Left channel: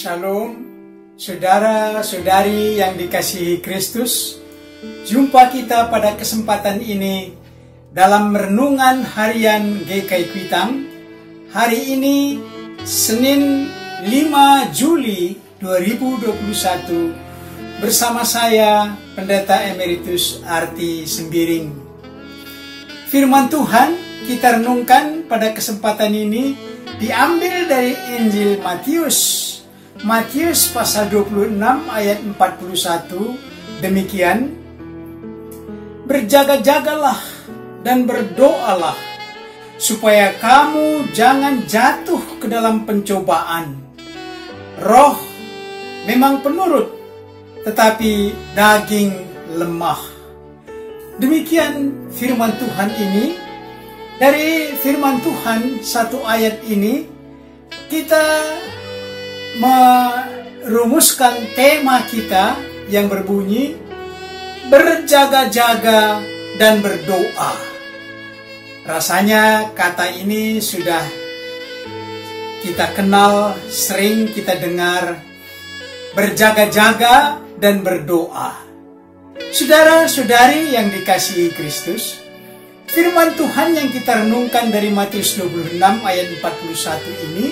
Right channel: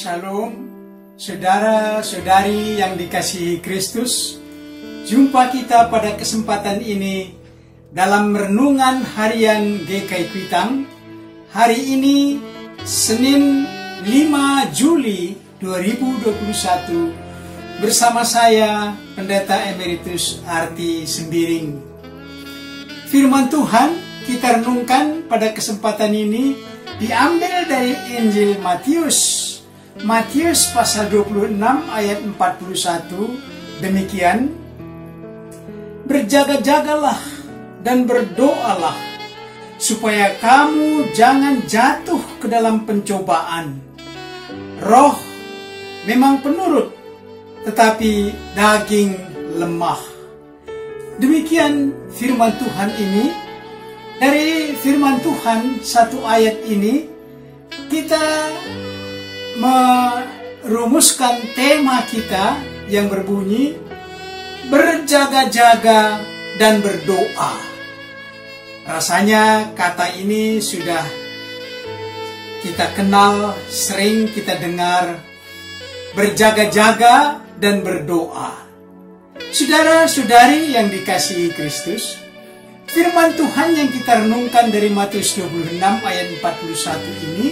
Shalom, saudara-saudari yang dikasihi Kristus. Jumpa kita pada kesempatan ini dalam renungan harian GKI Kuitang. Hari ini Senin 5 Juli 2021 bersama saya Pendeta Emeritus Arti Sembiring. Firman Tuhan kita renungkan pada kesempatan ini diambil dari Injil Matius pasal 26 ayat 41, demikian: berjaga-jagalah dan berdoalah supaya kamu jangan jatuh ke dalam pencobaan. Roh memang penurut, tetapi daging lemah. Demikian firman Tuhan ini. Dari firman Tuhan satu ayat ini kita merumuskan tema kita yang berbunyi berjaga-jaga dan berdoa. Rasanya kata ini sudah kita kenal, sering kita dengar, berjaga-jaga dan berdoa. Saudara-saudari yang dikasihi Kristus, firman Tuhan yang kita renungkan dari Matius 26 ayat 41 ini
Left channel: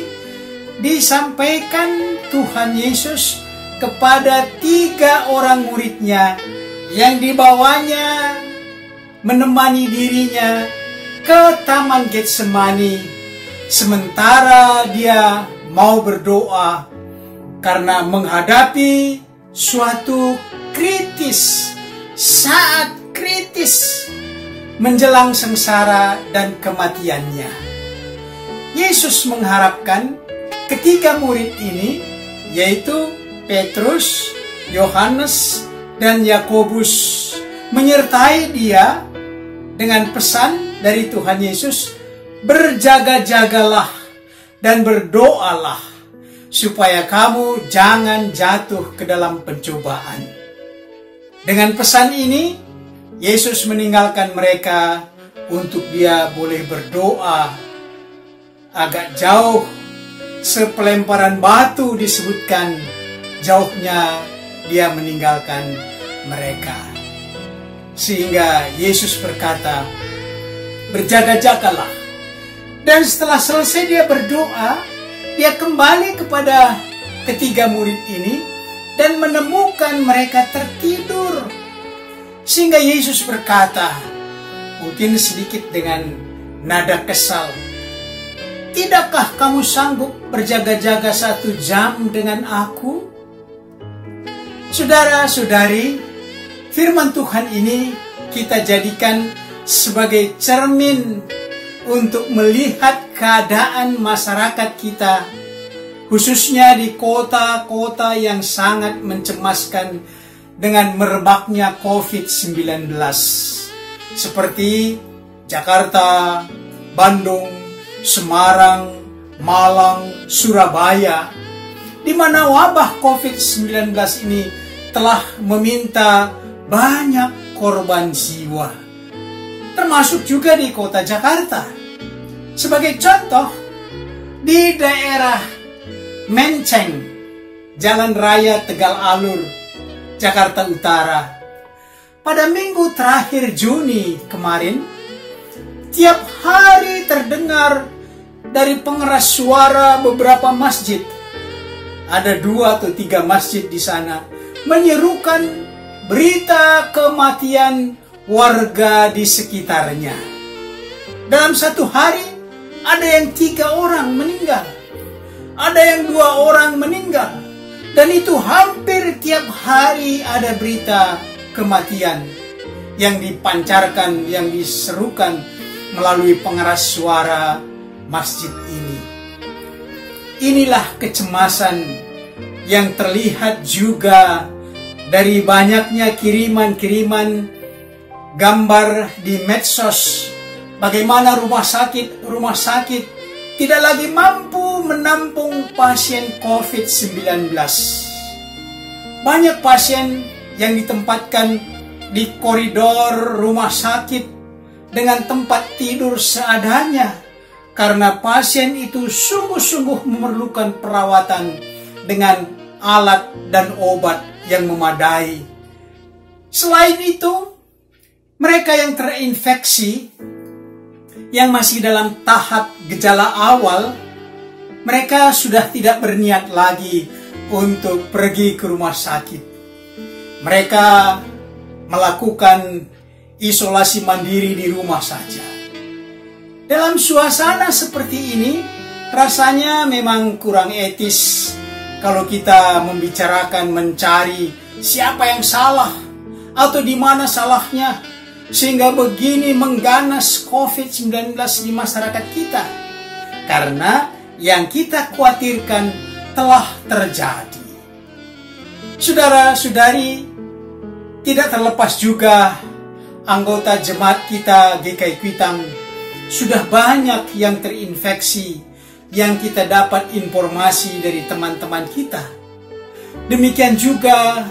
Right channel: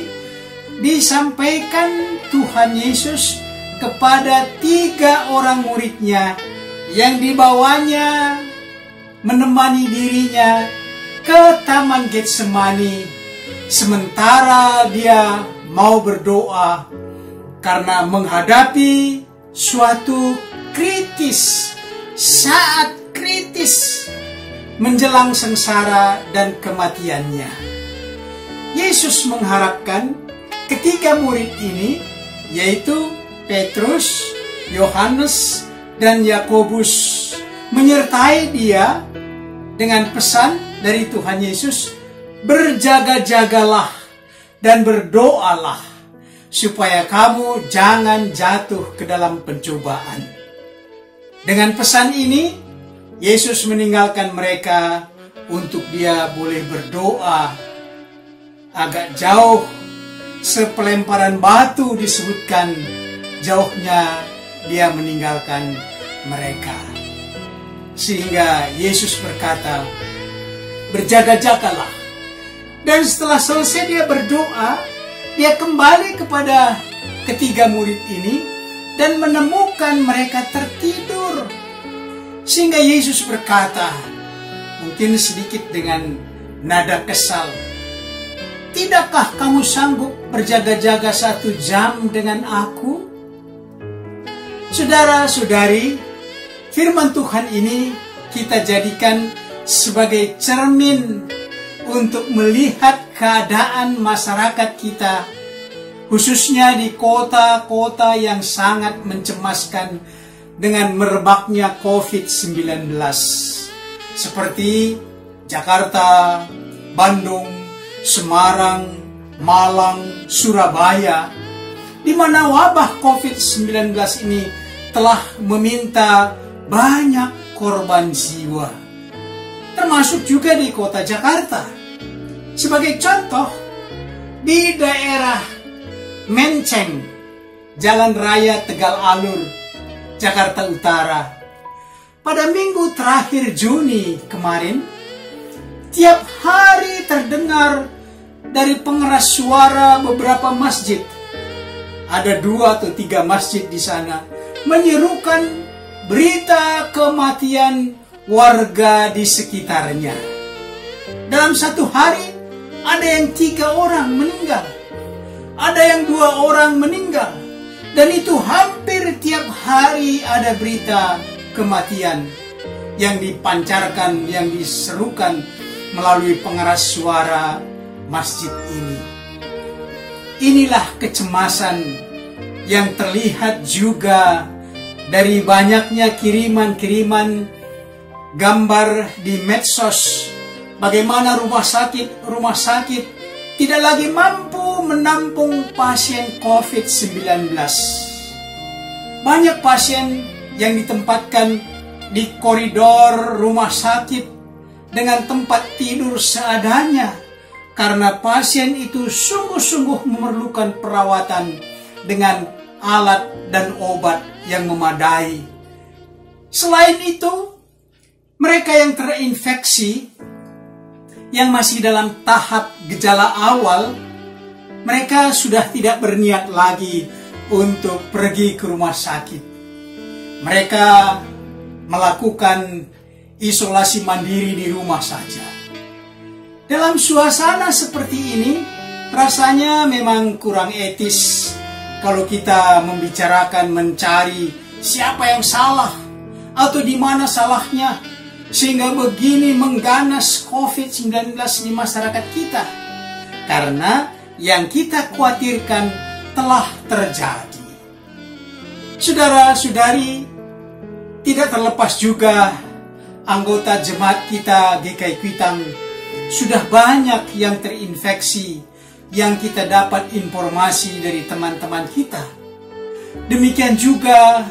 disampaikan Tuhan Yesus kepada 3 orang muridnya yang dibawanya menemani dirinya ke Taman Getsemani sementara dia mau berdoa karena menghadapi suatu saat kritis menjelang sengsara dan kematiannya. Yesus mengharapkan ketiga murid ini, yaitu Petrus, Yohanes, dan Yakobus, menyertai dia dengan pesan dari Tuhan Yesus, berjaga-jagalah dan berdoalah supaya kamu jangan jatuh ke dalam pencobaan. Dengan pesan ini, Yesus meninggalkan mereka untuk dia boleh berdoa agak jauh. Sepelemparan batu disebutkan jauhnya dia meninggalkan mereka. Sehingga Yesus berkata, berjaga-jagalah. Dan setelah selesai dia berdoa, dia kembali kepada ketiga murid ini dan menemukan mereka tertidur. Sehingga Yesus berkata, mungkin sedikit dengan nada kesal, tidakkah kamu sanggup berjaga-jaga 1 jam dengan aku? Saudara-saudari, firman Tuhan ini kita jadikan sebagai cermin untuk melihat keadaan masyarakat kita, khususnya di kota-kota yang sangat mencemaskan dengan merebaknya COVID-19 seperti Jakarta, Bandung, Semarang, Malang, Surabaya, di mana wabah COVID-19 ini telah meminta banyak korban jiwa, termasuk juga di kota Jakarta. Sebagai contoh, di daerah Menteng, Jalan Raya Tegal Alur, Jakarta Utara, pada minggu terakhir Juni kemarin, tiap hari terdengar dari pengeras suara beberapa masjid. Ada 2 atau 3 masjid di sana menyerukan berita kematian warga di sekitarnya. Dalam satu hari ada yang 3 orang meninggal, ada yang 2 orang meninggal. Dan itu hampir tiap hari ada berita kematian yang dipancarkan, yang diserukan melalui pengeras suara masjid ini. Inilah kecemasan yang terlihat juga dari banyaknya kiriman-kiriman gambar di medsos. Bagaimana rumah sakit tidak lagi mampu menampung pasien COVID-19. Banyak pasien yang ditempatkan di koridor rumah sakit dengan tempat tidur seadanya karena pasien itu sungguh-sungguh memerlukan perawatan dengan alat dan obat yang memadai. Selain itu, mereka yang terinfeksi, yang masih dalam tahap gejala awal, mereka sudah tidak berniat lagi untuk pergi ke rumah sakit. Mereka melakukan isolasi mandiri di rumah saja. Dalam suasana seperti ini, rasanya memang kurang etis kalau kita membicarakan mencari siapa yang salah atau di mana salahnya sehingga begini mengganas COVID-19 di masyarakat kita. Karena yang kita khawatirkan telah terjadi. Saudara-saudari, tidak terlepas juga anggota jemaat kita GKI Kuitang sudah banyak yang terinfeksi, yang kita dapat informasi dari teman-teman kita. Demikian juga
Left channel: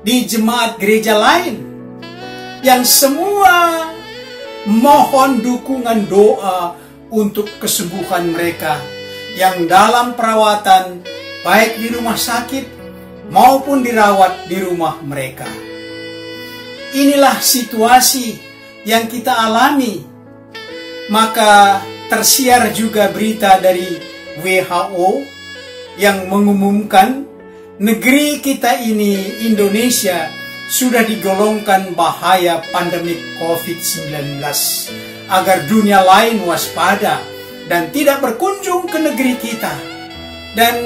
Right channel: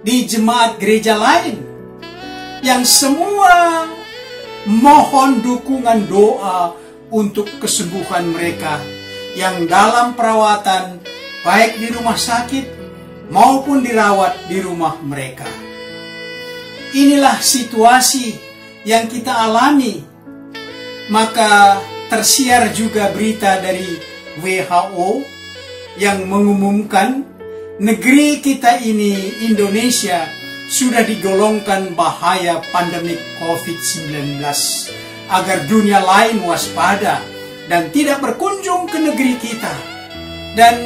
di jemaat gereja lain, yang semua mohon dukungan doa untuk kesembuhan mereka yang dalam perawatan baik di rumah sakit maupun dirawat di rumah mereka. Inilah situasi yang kita alami. Maka tersiar juga berita dari WHO yang mengumumkan negeri kita ini, Indonesia, sudah digolongkan bahaya pandemi COVID-19, agar dunia lain waspada dan tidak berkunjung ke negeri kita. Dan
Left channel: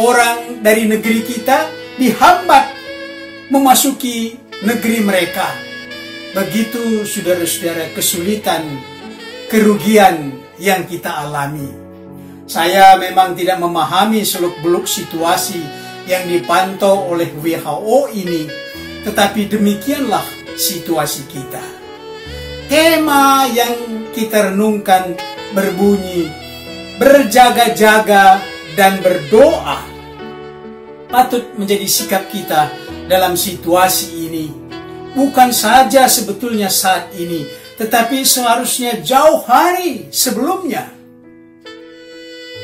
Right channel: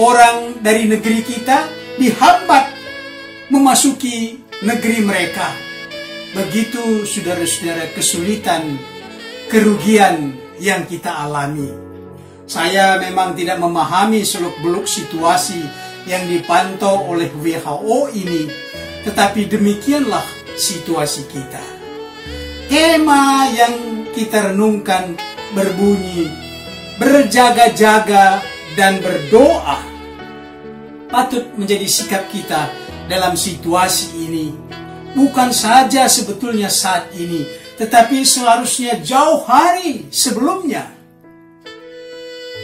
orang dari negeri kita dihambat memasuki negeri mereka. Begitu saudara-saudara kesulitan, kerugian yang kita alami. Saya memang tidak memahami seluk-beluk situasi yang dipantau oleh WHO ini, tetapi demikianlah situasi kita. Tema yang kita renungkan berbunyi, berjaga-jaga dan berdoa. Patut menjadi sikap kita dalam situasi ini. Bukan saja sebetulnya saat ini, tetapi seharusnya jauh hari sebelumnya.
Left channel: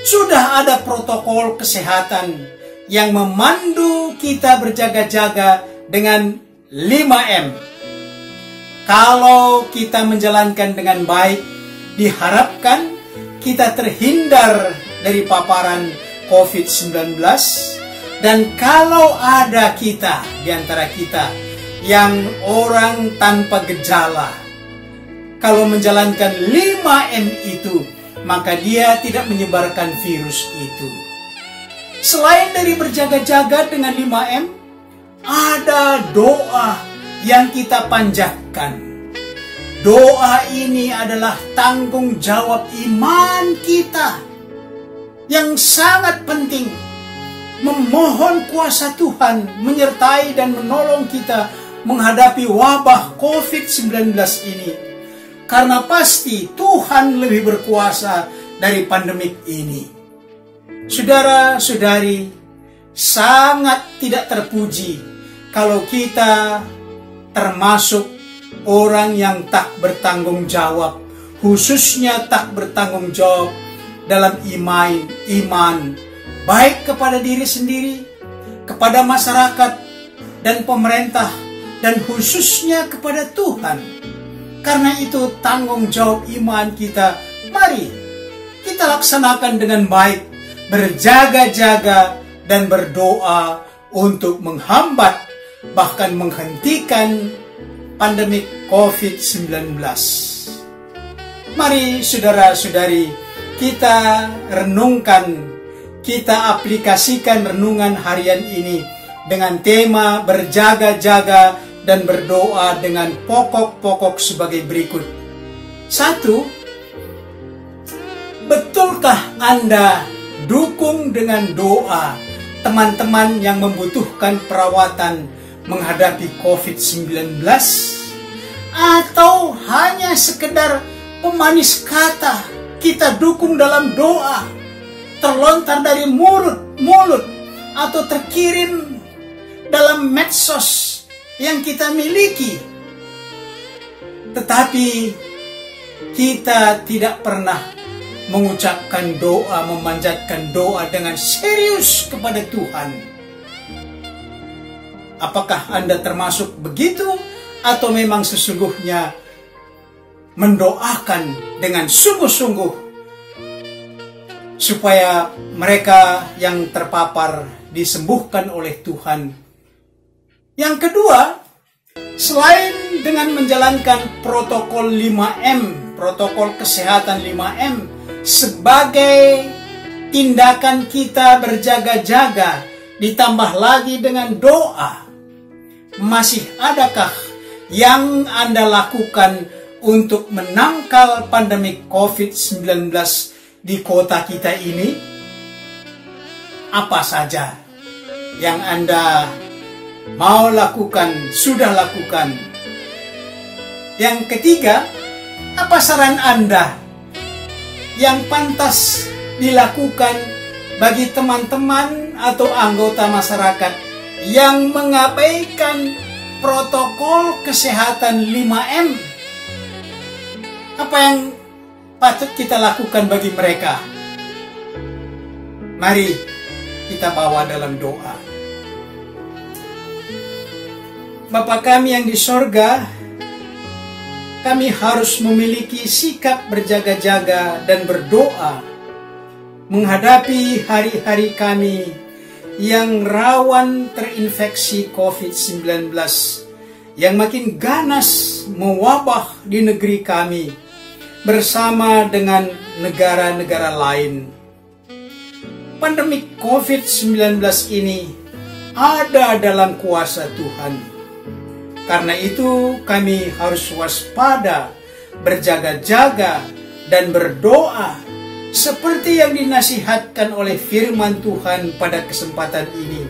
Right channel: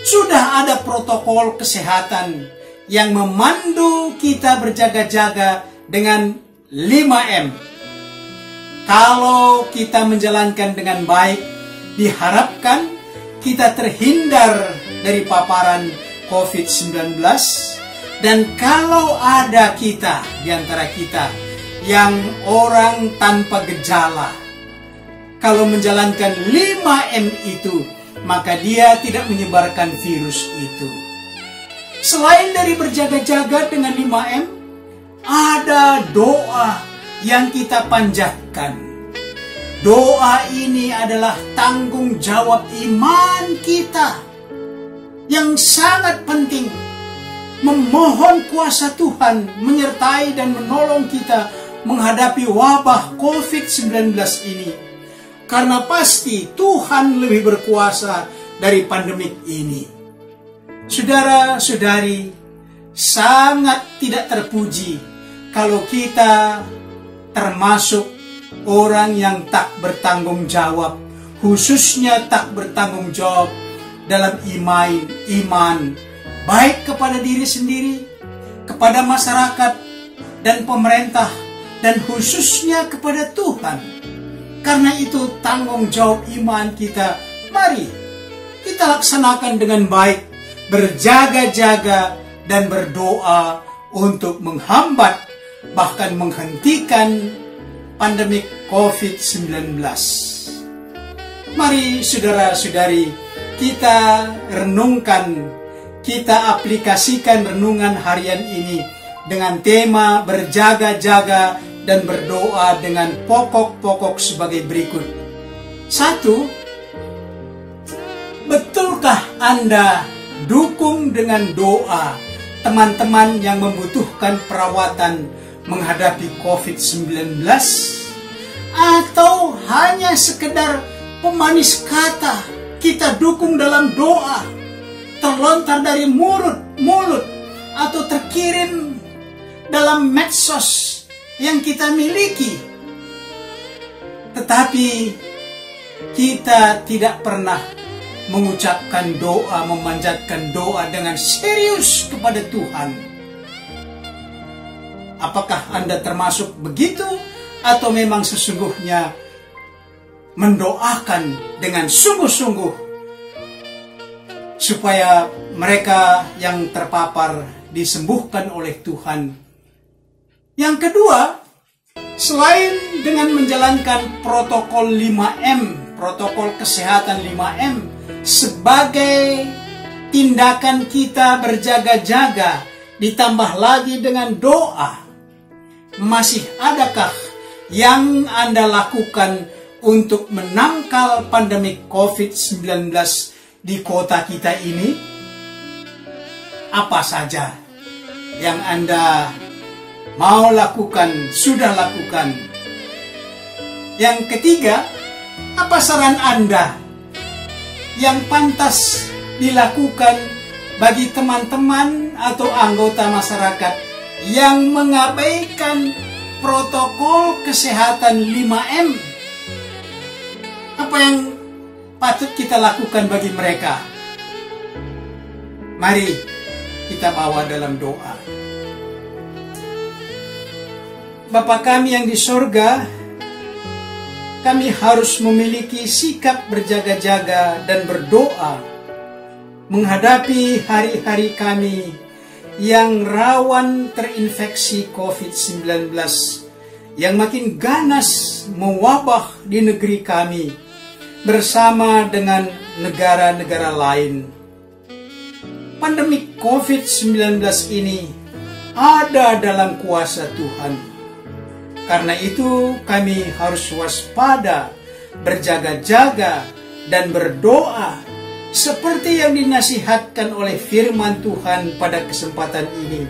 Sudah ada protokol kesehatan yang memandu kita berjaga-jaga dengan 5M. Kalau kita menjalankan dengan baik, diharapkan kita terhindar dari paparan COVID-19. Dan kalau ada kita di antara kita yang orang tanpa gejala, kalau menjalankan 5M itu, maka dia tidak menyebarkan virus itu. Selain dari berjaga-jaga dengan 5M, ada doa yang kita panjatkan. Doa ini adalah tanggung jawab iman kita yang sangat penting. Memohon kuasa Tuhan menyertai dan menolong kita menghadapi wabah COVID-19 ini. Karena pasti Tuhan lebih berkuasa dari pandemik ini. Saudara-saudari, sangat tidak terpuji kalau kita termasuk orang yang tak bertanggung jawab, khususnya tak bertanggung jawab dalam iman, baik kepada diri sendiri, kepada masyarakat dan pemerintah, dan khususnya kepada Tuhan. Karena itu tanggung jawab iman kita, mari kita laksanakan dengan baik, berjaga-jaga dan berdoa untuk menghambat, bahkan menghentikan pandemi COVID-19. Mari saudara-saudari, kita renungkan, kita aplikasikan renungan harian ini dengan tema berjaga-jaga dan berdoa dengan pokok-pokok sebagai berikut. 1. Betulkah Anda dukung dengan doa teman-teman yang membutuhkan perawatan menghadapi COVID-19? Atau hanya sekedar pemanis kata kita dukung dalam doa, terlontar dari mulut atau terkirim dalam medsos yang kita miliki, tetapi kita tidak pernah mengucapkan doa, memanjatkan doa dengan serius kepada Tuhan. Apakah Anda termasuk begitu, atau memang sesungguhnya mendoakan dengan sungguh-sungguh supaya mereka yang terpapar disembuhkan oleh Tuhan? Yang kedua, selain dengan menjalankan protokol 5M, protokol kesehatan 5M, sebagai tindakan kita berjaga-jaga, ditambah lagi dengan doa, masih adakah yang Anda lakukan untuk menangkal pandemi COVID-19 di kota kita ini? Apa saja yang Anda mau lakukan, sudah lakukan? Yang ketiga, apa saran Anda yang pantas dilakukan bagi teman-teman atau anggota masyarakat yang mengabaikan protokol kesehatan 5M? Apa yang patut kita lakukan bagi mereka? Mari kita bawa dalam doa. Bapa kami yang di sorga, kami harus memiliki sikap berjaga-jaga dan berdoa menghadapi hari-hari kami yang rawan terinfeksi COVID-19 yang makin ganas mewabah di negeri kami bersama dengan negara-negara lain. Pandemi COVID-19 ini ada dalam kuasa Tuhan. Karena itu kami harus waspada, berjaga-jaga, dan berdoa seperti yang dinasihatkan oleh firman Tuhan pada kesempatan ini.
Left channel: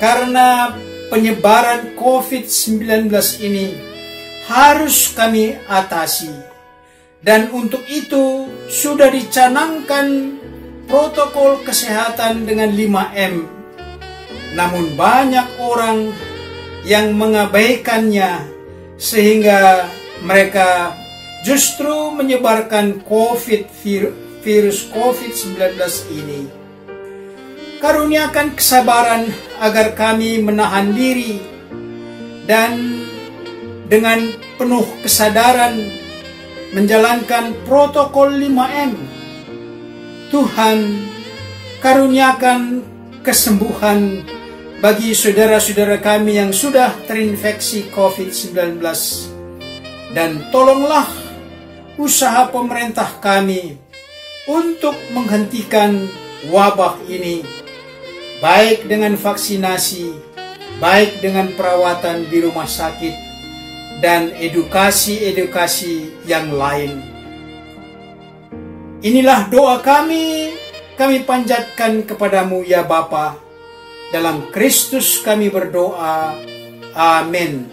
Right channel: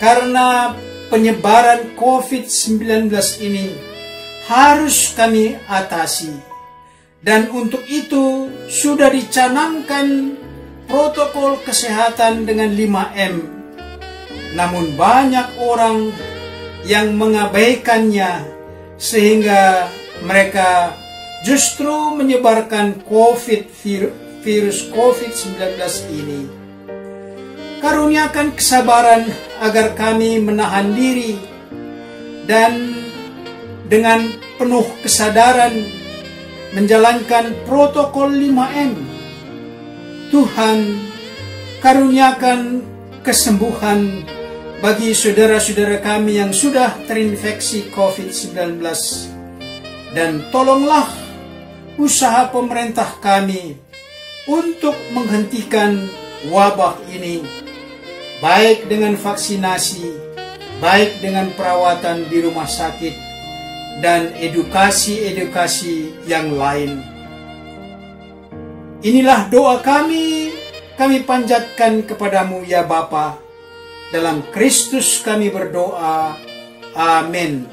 Karena penyebaran COVID-19 ini harus kami atasi. Dan untuk itu sudah dicanangkan protokol kesehatan dengan 5M. Namun banyak orang yang mengabaikannya sehingga mereka justru menyebarkan virus COVID-19 ini. Karuniakan kesabaran agar kami menahan diri dan dengan penuh kesadaran menjalankan protokol 5M. Tuhan, karuniakan kesembuhan bagi saudara-saudara kami yang sudah terinfeksi COVID-19. Dan tolonglah usaha pemerintah kami untuk menghentikan wabah ini, baik dengan vaksinasi, baik dengan perawatan di rumah sakit, dan edukasi-edukasi yang lain. Inilah doa kami panjatkan kepadamu ya Bapa. Dalam Kristus kami berdoa. Amin.